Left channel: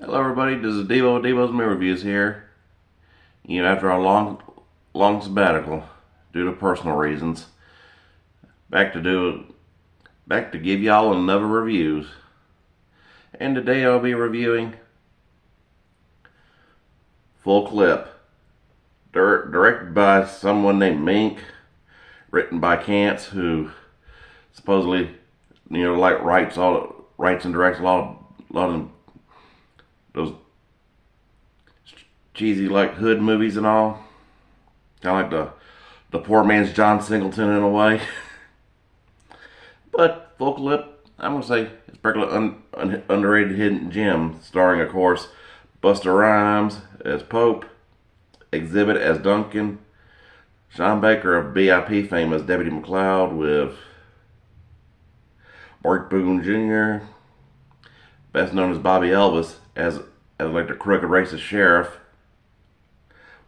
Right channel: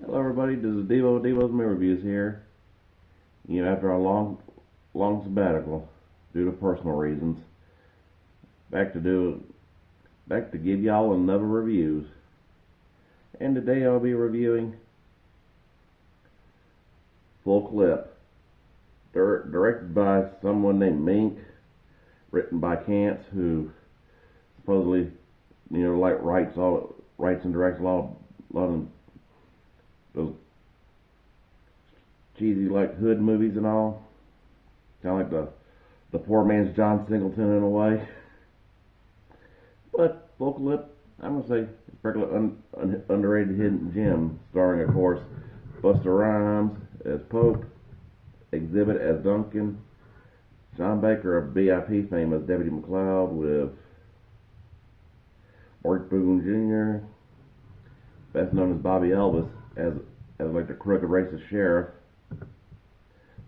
Hello, everybody. This is Devo's Movie Reviews here. After a long sabbatical due to personal reasons, back to do back to give y'all another reviews. And today I'll be reviewing Full Clip, directed by someone named Mink, written by Cance, who supposedly writes and directs a lot of those cheesy like hood movies and all, kind of like the poor man's John Singleton in a way. But Full Clip, I'm gonna say it's a regular underrated hidden gem, starring of course Busta Rhymes as Pope, Exhibit as Duncan, Sean Baker of BIP fame as Deputy McLeod, with Mark Boone Jr., best known as Bobby Elvis, as like the crooked racist sheriff,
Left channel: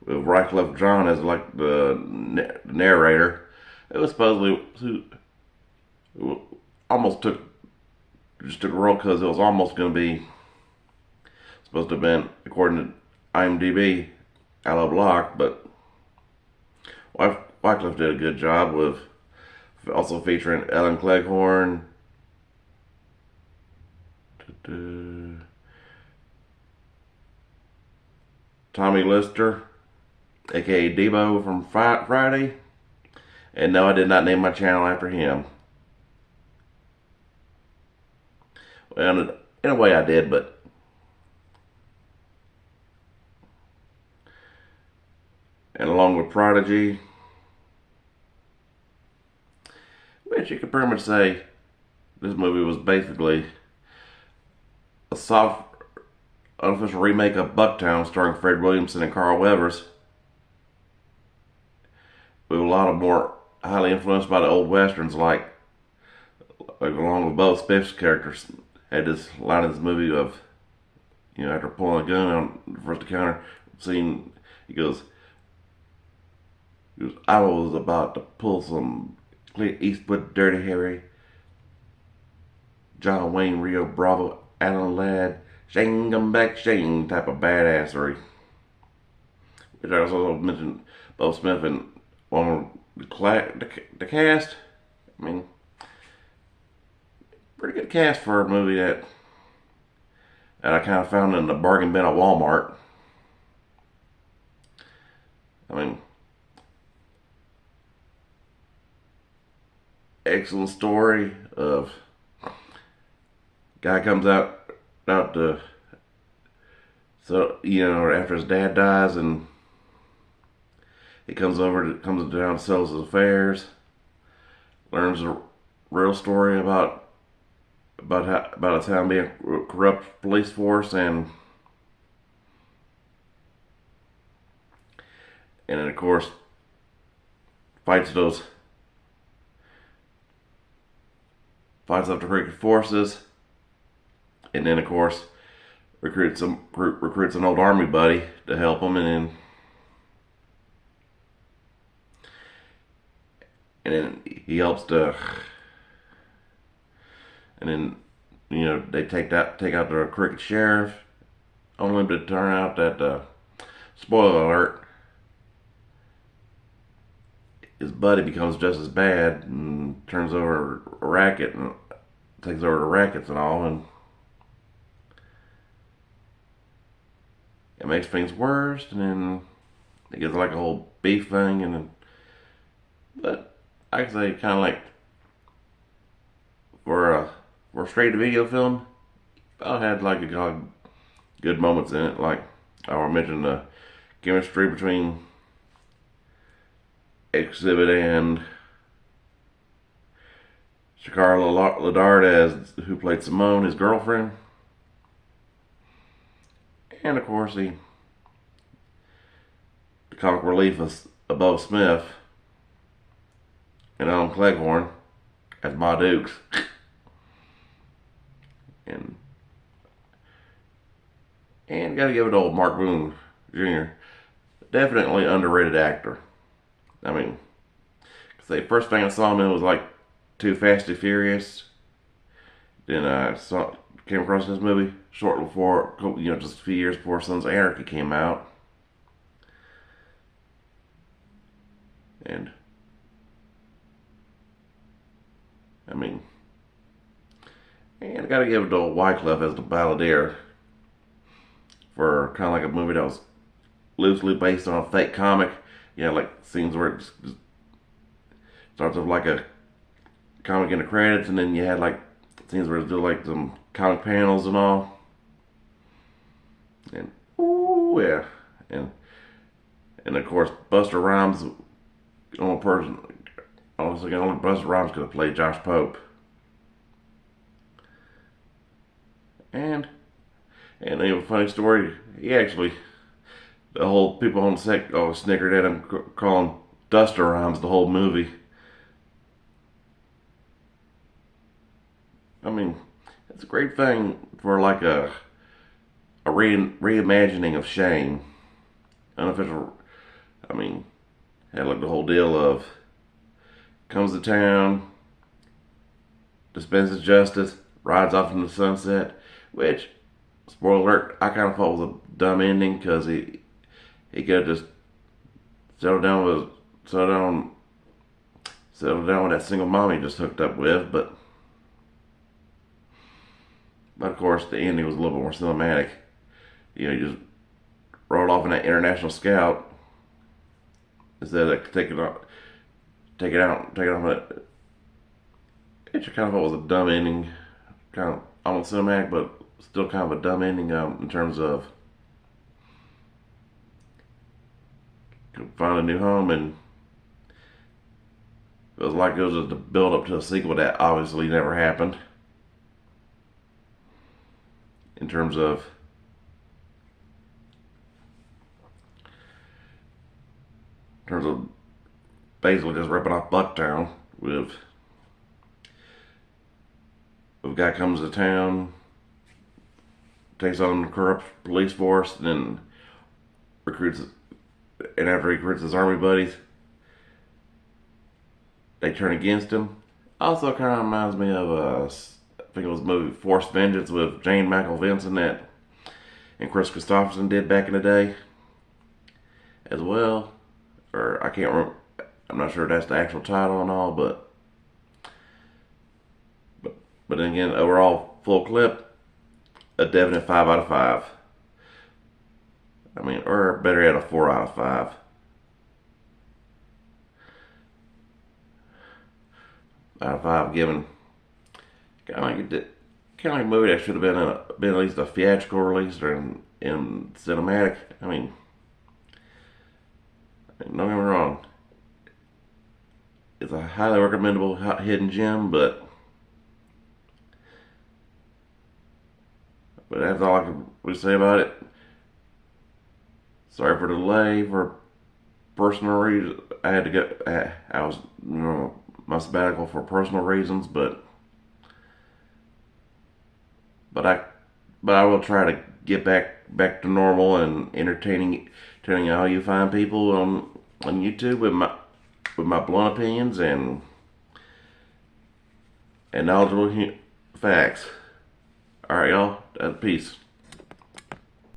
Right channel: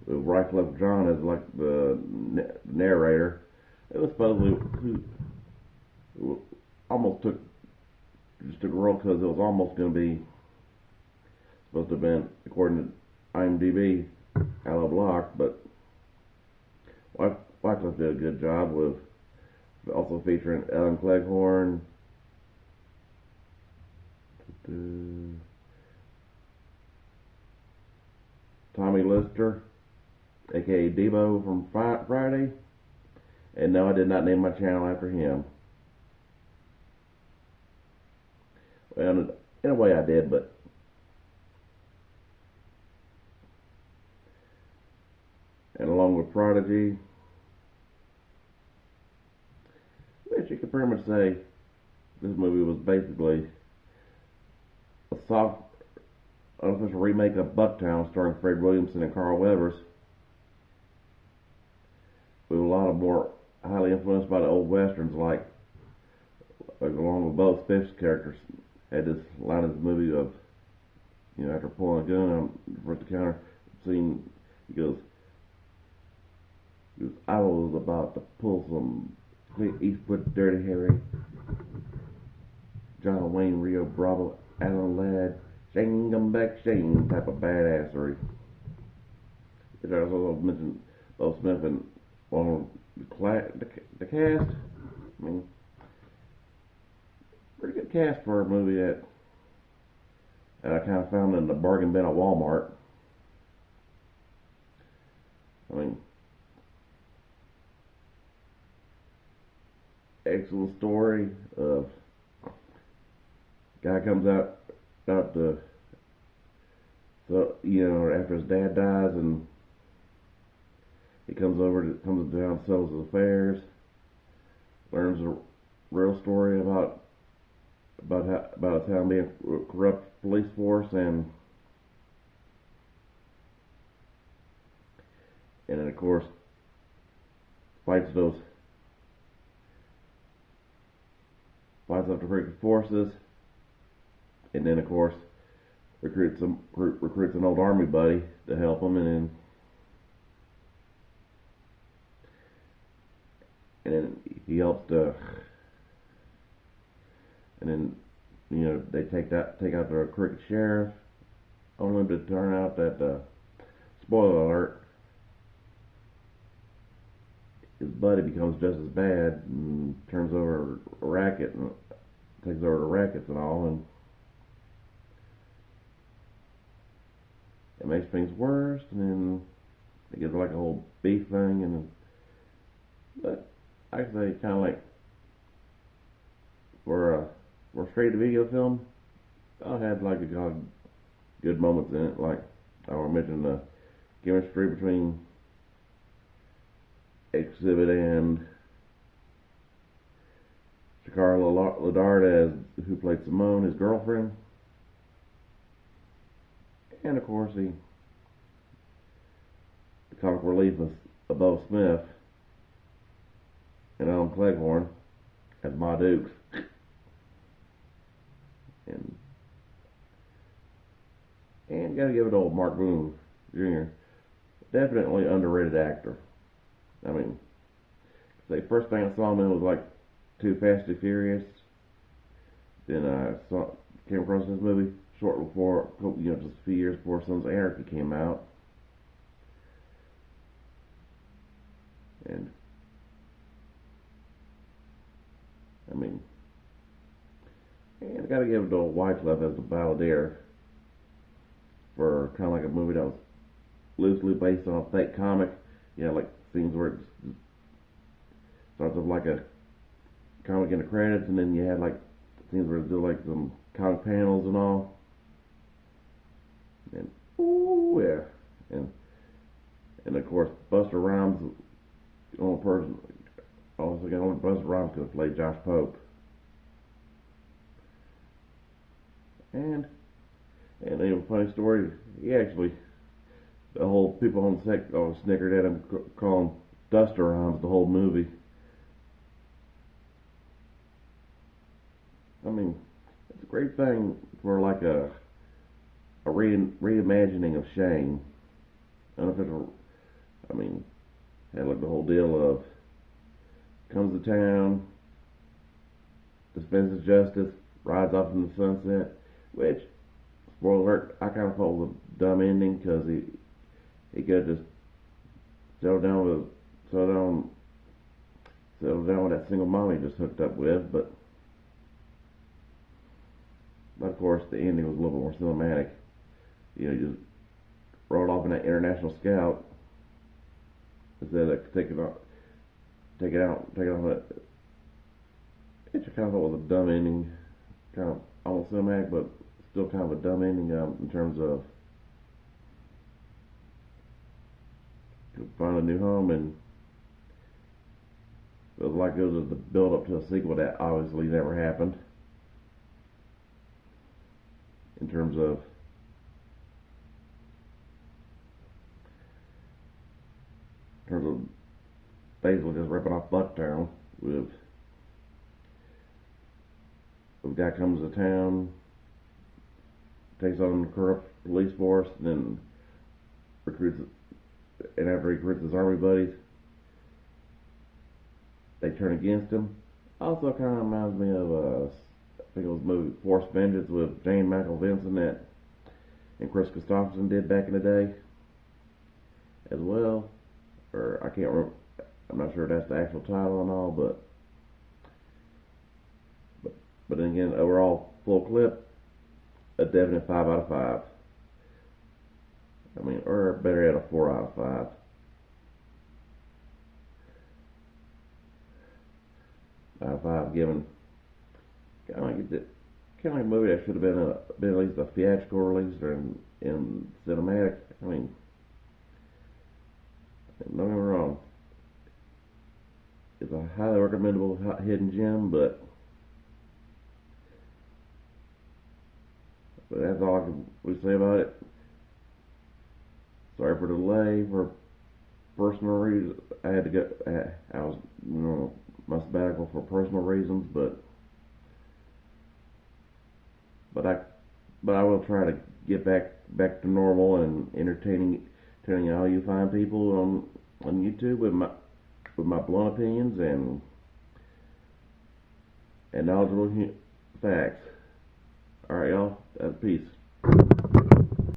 with Wyclef Jean as like the narrator. It was supposedly almost took a role because it was almost going to be supposed to have been, according to IMDb, Aloe Block, but Wycliffe did a good job with also featuring Ellen Cleghorn, Tommy Lister, aka Debo from Friday, and no, I did not name my channel after him. Well, in a way, I did, but and along with Prodigy, which you could pretty much say this movie was basically a soft, unofficial remake of Bucktown, starring Fred Williamson and Carl Weathers, with a lot of more highly influenced by the old westerns, like along with both Spiff's characters had this line in this movie of, after pulling a gun on the first encounter scene, he goes, I was about to pull some Clint Eastwood, Dirty Harry, John Wayne, Rio Bravo, Alan Ladd, Shane come back Shane type of badassery. Which I also mentioned Bo Smith and one of the cast. I mean, pretty good cast for a movie that I kind of found in the bargain bin at Walmart. I mean, excellent story of guy comes out to, so after his dad dies, and he comes down, settles his affairs, learns the real story about a town being a corrupt police force, and then of course fights those fights up the crooked forces, and then of course recruits an old army buddy to help him, and then he helps to, and then they take out the crooked sheriff, only to turn out that spoiler alert, his buddy becomes just as bad and turns over a racket and takes over the rackets and all, and it makes things worse, and then it gets like a whole beef thing, and then, but I can say kind of like for a straight to video film, I had like a good moments in it. Like I mentioned the chemistry between Exhibit and Shakara Ladard, as who played Simone, his girlfriend, and of course the comic relief of Bo Smith and Alan Cleghorn as Ma Dukes, and gotta give it to old Mark Boone Jr. Definitely underrated actor. I mean, cause the first thing I saw him in was like Too Fast, Too Furious. Then I saw came across this movie shortly before, just a few years before Sons of Anarchy came out. And, I mean, and I gotta give it to Wyclef as the balladeer for kind of like a movie that was loosely based on a fake comic. Like scenes where it just starts off like a comic in the credits, and then you had like scenes where it's do like some comic panels and all. And ooh yeah, and of course Buster Rhymes, the only person, honestly, only Buster Rhymes could have played Josh Pope. And a funny story, he actually, the whole people on the set always snickered at him, calling Duster Rhymes the whole movie. I mean, it's a great thing for like a reimagining of Shane. Unofficial. I mean, had like the whole deal of comes to town, dispenses justice, rides off into the sunset, which, spoiler alert, I kind of thought was a dumb ending because he could have just settled down with settled down with that single mom he just hooked up with, but of course the ending was a little bit more cinematic. He just rode off in that international scout instead of taking off. It kind of thought was a dumb ending, kind of almost cinematic, but still kind of a dumb ending in terms of find a new home, and it was like it was just a build up to a sequel that obviously never happened. In terms of basically just ripping off Bucktown with a guy comes to town, takes on the corrupt police force, and then recruits, and after he recruits his army buddies, they turn against him. Also, kind of reminds me of I think it was the movie Forced Vengeance with Jane Michael Vincent that and Chris Christopherson did back in the day, as well. Or I can't remember. I'm not sure if that's the actual title and all, but then again, overall full clip, a definite 5 out of 5. I mean, or better yet, a 4 out of 5. Out of 5, given kind of like a movie that should have been at least a theatrical release or in cinematic. I mean, don't get me wrong, it's a highly recommendable hidden gem, but that's all I can really say about it. Sorry for the delay. For personal reasons, I had to go. I was, my sabbatical for personal reasons, but I will try to get back to normal and telling all you fine people on YouTube with my blunt opinions and knowledgeable facts. All right, y'all. Peace.